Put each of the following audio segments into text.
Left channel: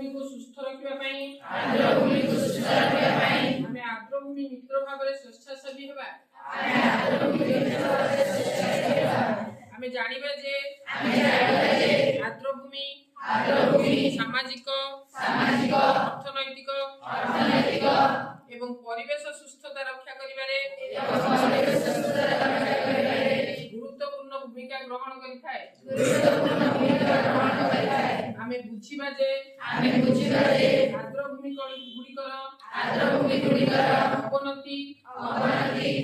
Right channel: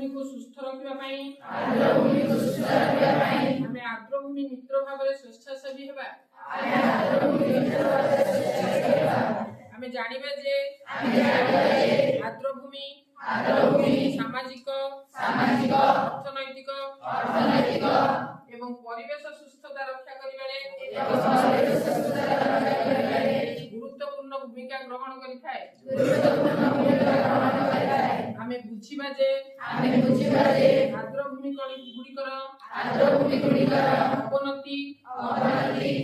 आर्द्रभूमि को सुस्थ रखिबा पई हमें आर्द्रभूमि मित्र भाव में स्वेच्छासेवी हेबा हमें जानिबे जे आर्द्रभूमि सामाजिक अर्थनैतिक एवं परिवेश सुस्थता रक्षा करिबारे गुरुत्वपूर्ण भूमिका ग्रहण करिथाय। आमे बुझिबा जे आर्द्रभूमि गुड़िकर अवनति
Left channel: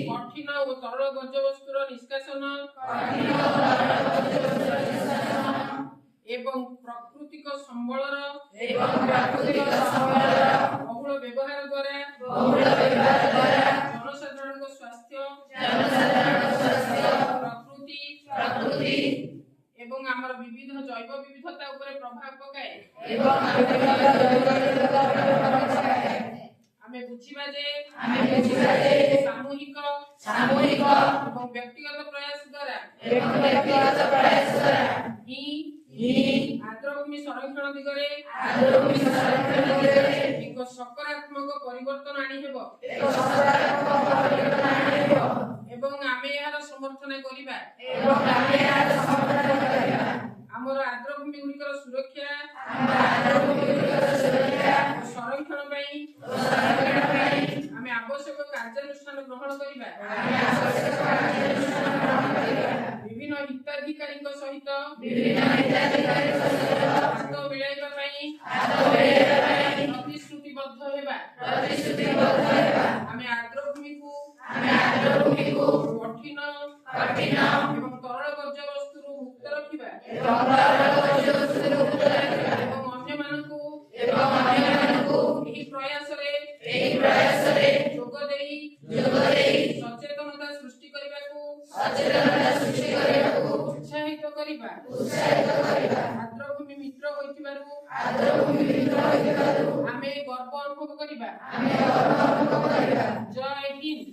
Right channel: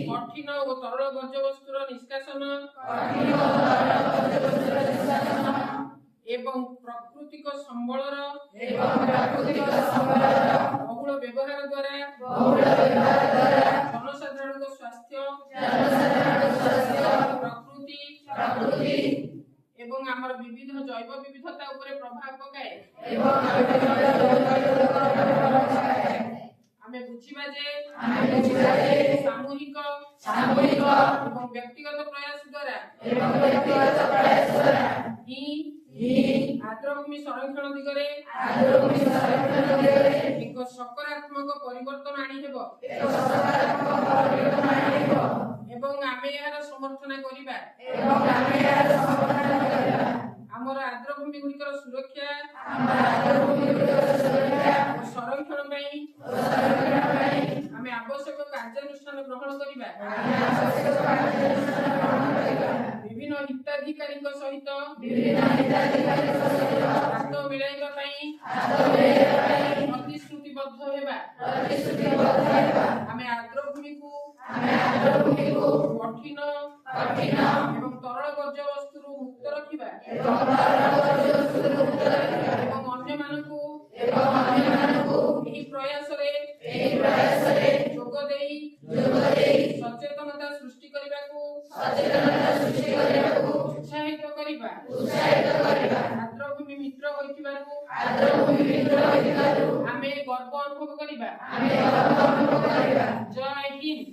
कठिन और तरल वर्ज्यवस्तुर निष्कासन एवं प्राकृतिक संबलर बहुल व्यवहार द्वारा जनसाधारण स्वास्थ्य प्रकृति एवं आमर विविध जैव विविधता उपरे प्रभाव पकाए। आमे बुझिबा जे सामूहिक एवं व्यक्तिगत प्रयास द्वारा आर्द्रभूमि संरक्षण दिगरे एक सकारात्मक परिवर्तन आनी हेबो एवं आमे यार समर्थन करिबा आमर आर्द्रभूमि गुड़िकर सुरक्षा संरक्षण पई आमे आवश्यक कार्यानुष्ठान ग्रहण करिबा विभिन्न हिताधिकारी सहित हाथ मिलाइबा पई प्रतिश्रुतिबद्ध हेबा आमे आर्द्रभूमि को कठिन एवं तरल वर्ज्यवस्तु मुक्त रखिबा एवं अन्य मानकु एही प्रयास रे जोग देई सचेतनता सृष्टि करबाकू उत्साहित करिबा आर्द्रभूमि मित्र होइतिबारु आमे गर्व अनुभव करिबा। जय हिंद।